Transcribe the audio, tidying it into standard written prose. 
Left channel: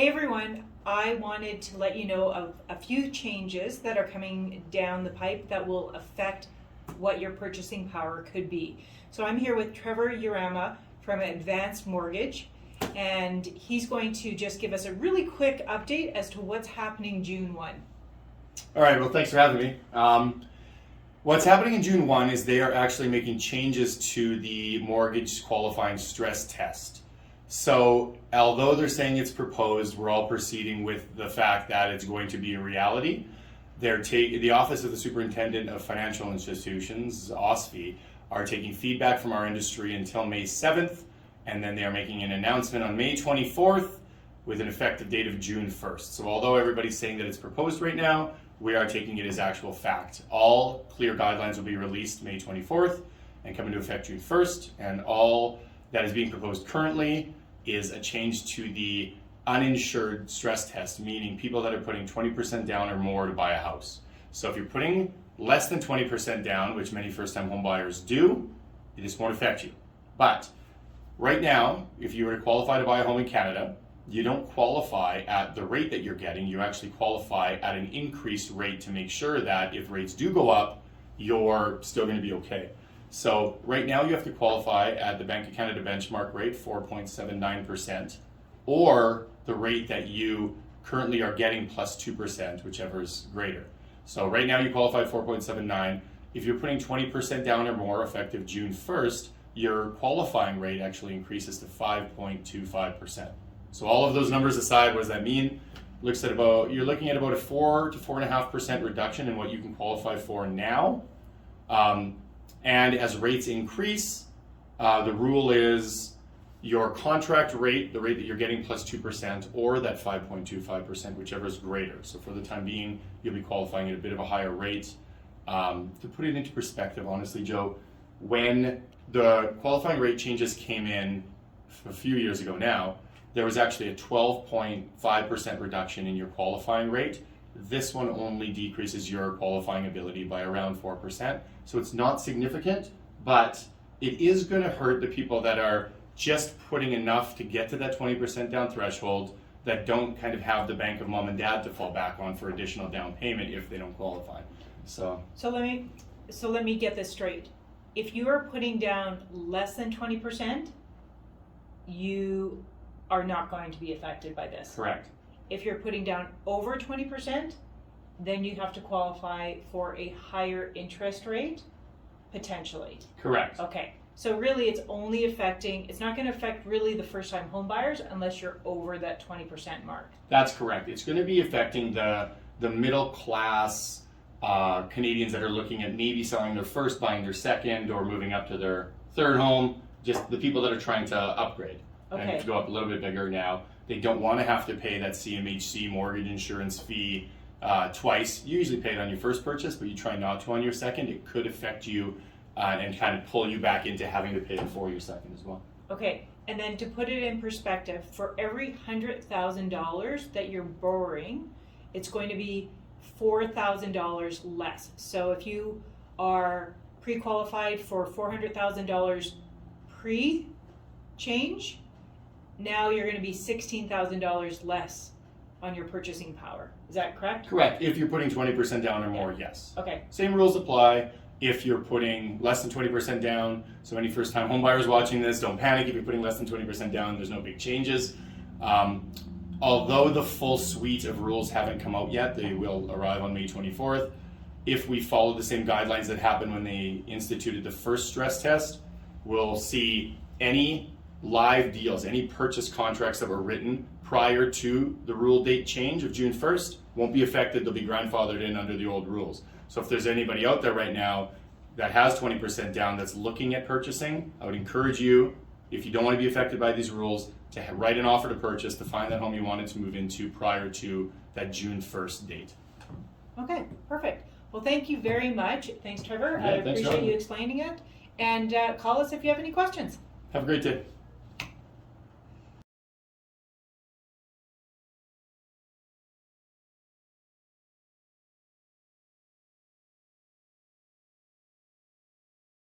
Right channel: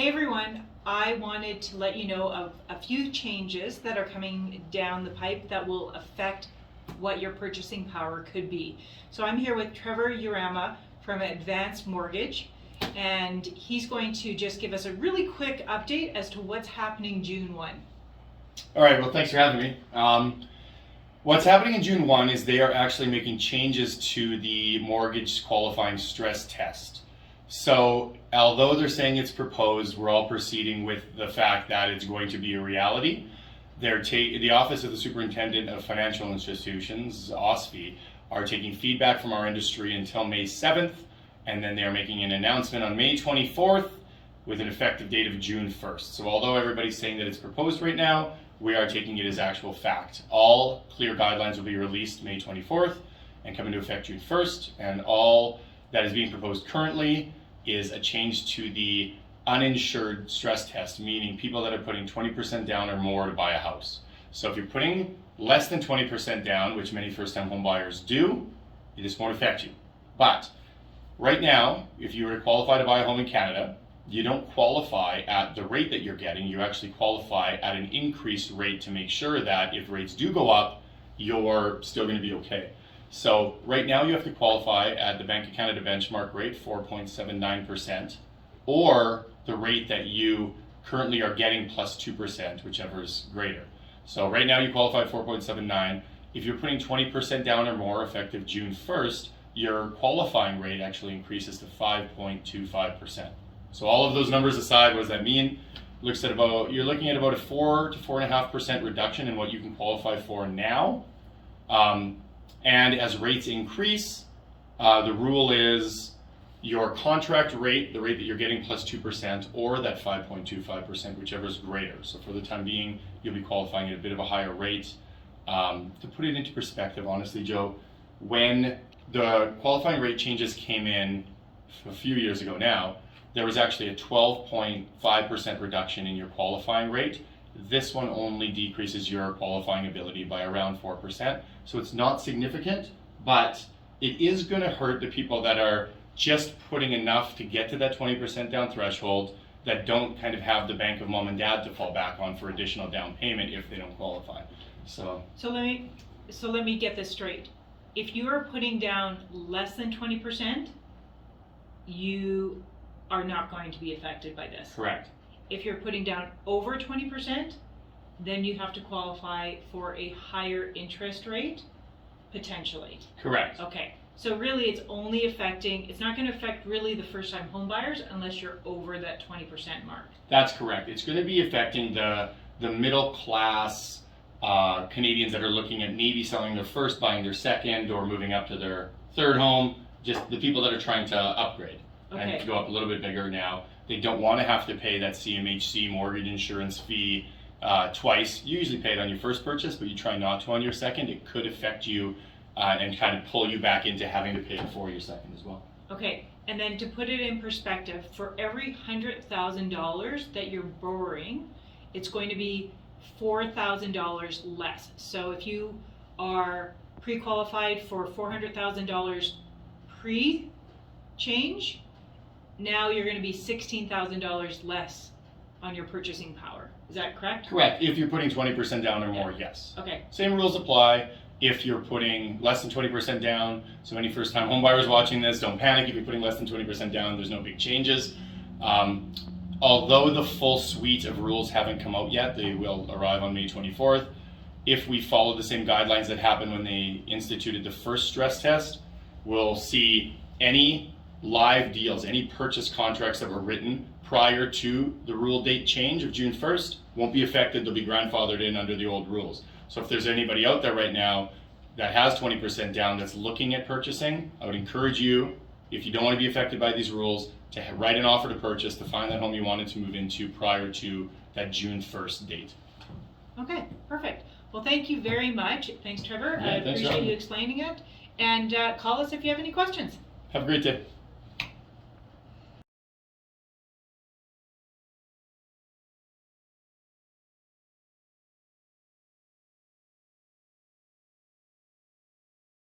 Hey everyone, I wanted to let you know of a few changes that are coming down the pipe that will affect what your purchasing power could be. So I'm here with Trevor Urama from Advanced Mortgage, and he's going to just give us a really quick update as to what's happening June 1. All right, well, thanks for having me. What's happening in June 1 is they are actually making changes to the mortgage qualifying stress test. So although they're saying it's proposed, we're all proceeding with the fact that it's going to be a reality. The Office of the Superintendent of Financial Institutions, OSFI, are taking feedback from our industry until May 7th, and then they are making an announcement on May 24th with an effective date of June 1st. So although everybody's saying that it's proposed right now, we are taking it as actual fact. All clear guidelines will be released May 24th and come into effect June 1st, and all that is being proposed currently is a change to the uninsured stress test, meaning people that are putting 20% down or more to buy a house. So if you're putting less than 20% down, which many first-time home buyers do, this won't affect you. But right now, if you were to qualify to buy a home in Canada, you don't qualify at the rate that you're getting. You actually qualify at an increased rate to make sure that if rates do go up, you're still going to be okay. So right now you have to qualify at the Bank of Canada benchmark rate, 4.79%, or the rate that you currently are getting plus 2%, whichever is greater. So right now you qualify at 4.79. If you're putting 20% down or more effective June 1st, your qualifying rate actually increases to 5.25%. So all of those numbers aside, what does that mean? You're looking at about a 4 to 4.5% reduction in what you can qualify for now. And as rates increase, the rule is your contract rate, the rate that you're getting plus 2%, or that 5.25%, whichever is greater. So for the time being, you'll be qualifying at a bit of a higher rate. To put it into perspective, honestly, Joe, when the qualifying rate changes came in a few years ago now, there was actually a 12.5% reduction in your qualifying rate. This one only decreases your qualifying ability by around 4%. So it's not significant, but it is going to hurt the people that are just putting enough to get to that 20% down threshold, that don't kind of have the bank of mom and dad to fall back on for additional down payment if they don't qualify. So let me get this straight. If you are putting down less than 20%, you are not going to be affected by this. Correct. If you're putting down over 20%, then you have to qualify for a higher interest rate, potentially. Correct. Okay, so really it's not going to affect really the first-time home buyers unless you're over that 20% mark. That's correct. It's going to be affecting the middle class Canadians that are looking at maybe selling their first, buying their second, or moving up to their third home, just the people that are trying to upgrade. Okay. And go up a little bit bigger now. They don't want to have to pay that CMHC mortgage insurance fee twice. You usually pay it on your first purchase, but you try not to on your second. It could affect you and kind of pull you back into having to pay it for your second as well. Okay, and then to put it in perspective, for every $100,000 that you're borrowing, it's going to be $4,000 less. So if you are pre-qualified for $400,000 pre-change, now you're going to be $16,000 less on your purchasing power. Is that correct? Correct. If you're putting 20% down or more, yes. Okay. Same rules apply if you're putting less than 20% down. So any first-time home buyers watching this, don't panic. If you're putting less than 20% down, there's no big changes. Although the full suite of rules haven't come out yet, they will arrive on May 24th. If we follow the same guidelines that happened when they instituted the first stress test, we'll see any live deals, any purchase contracts that were written prior to the rule date change of June 1st won't be affected. They'll be grandfathered in under the old rules. So if there's anybody out there right now that has 20% down that's looking at purchasing, I would encourage you, if you don't want to be affected by these rules, to write an offer to purchase to find that home you wanted to move into prior to that June 1st date. Okay, perfect. Well, thank you very much. Thanks, Trevor. Yeah, I appreciate you explaining it. And call us if you have any questions. Have a great day.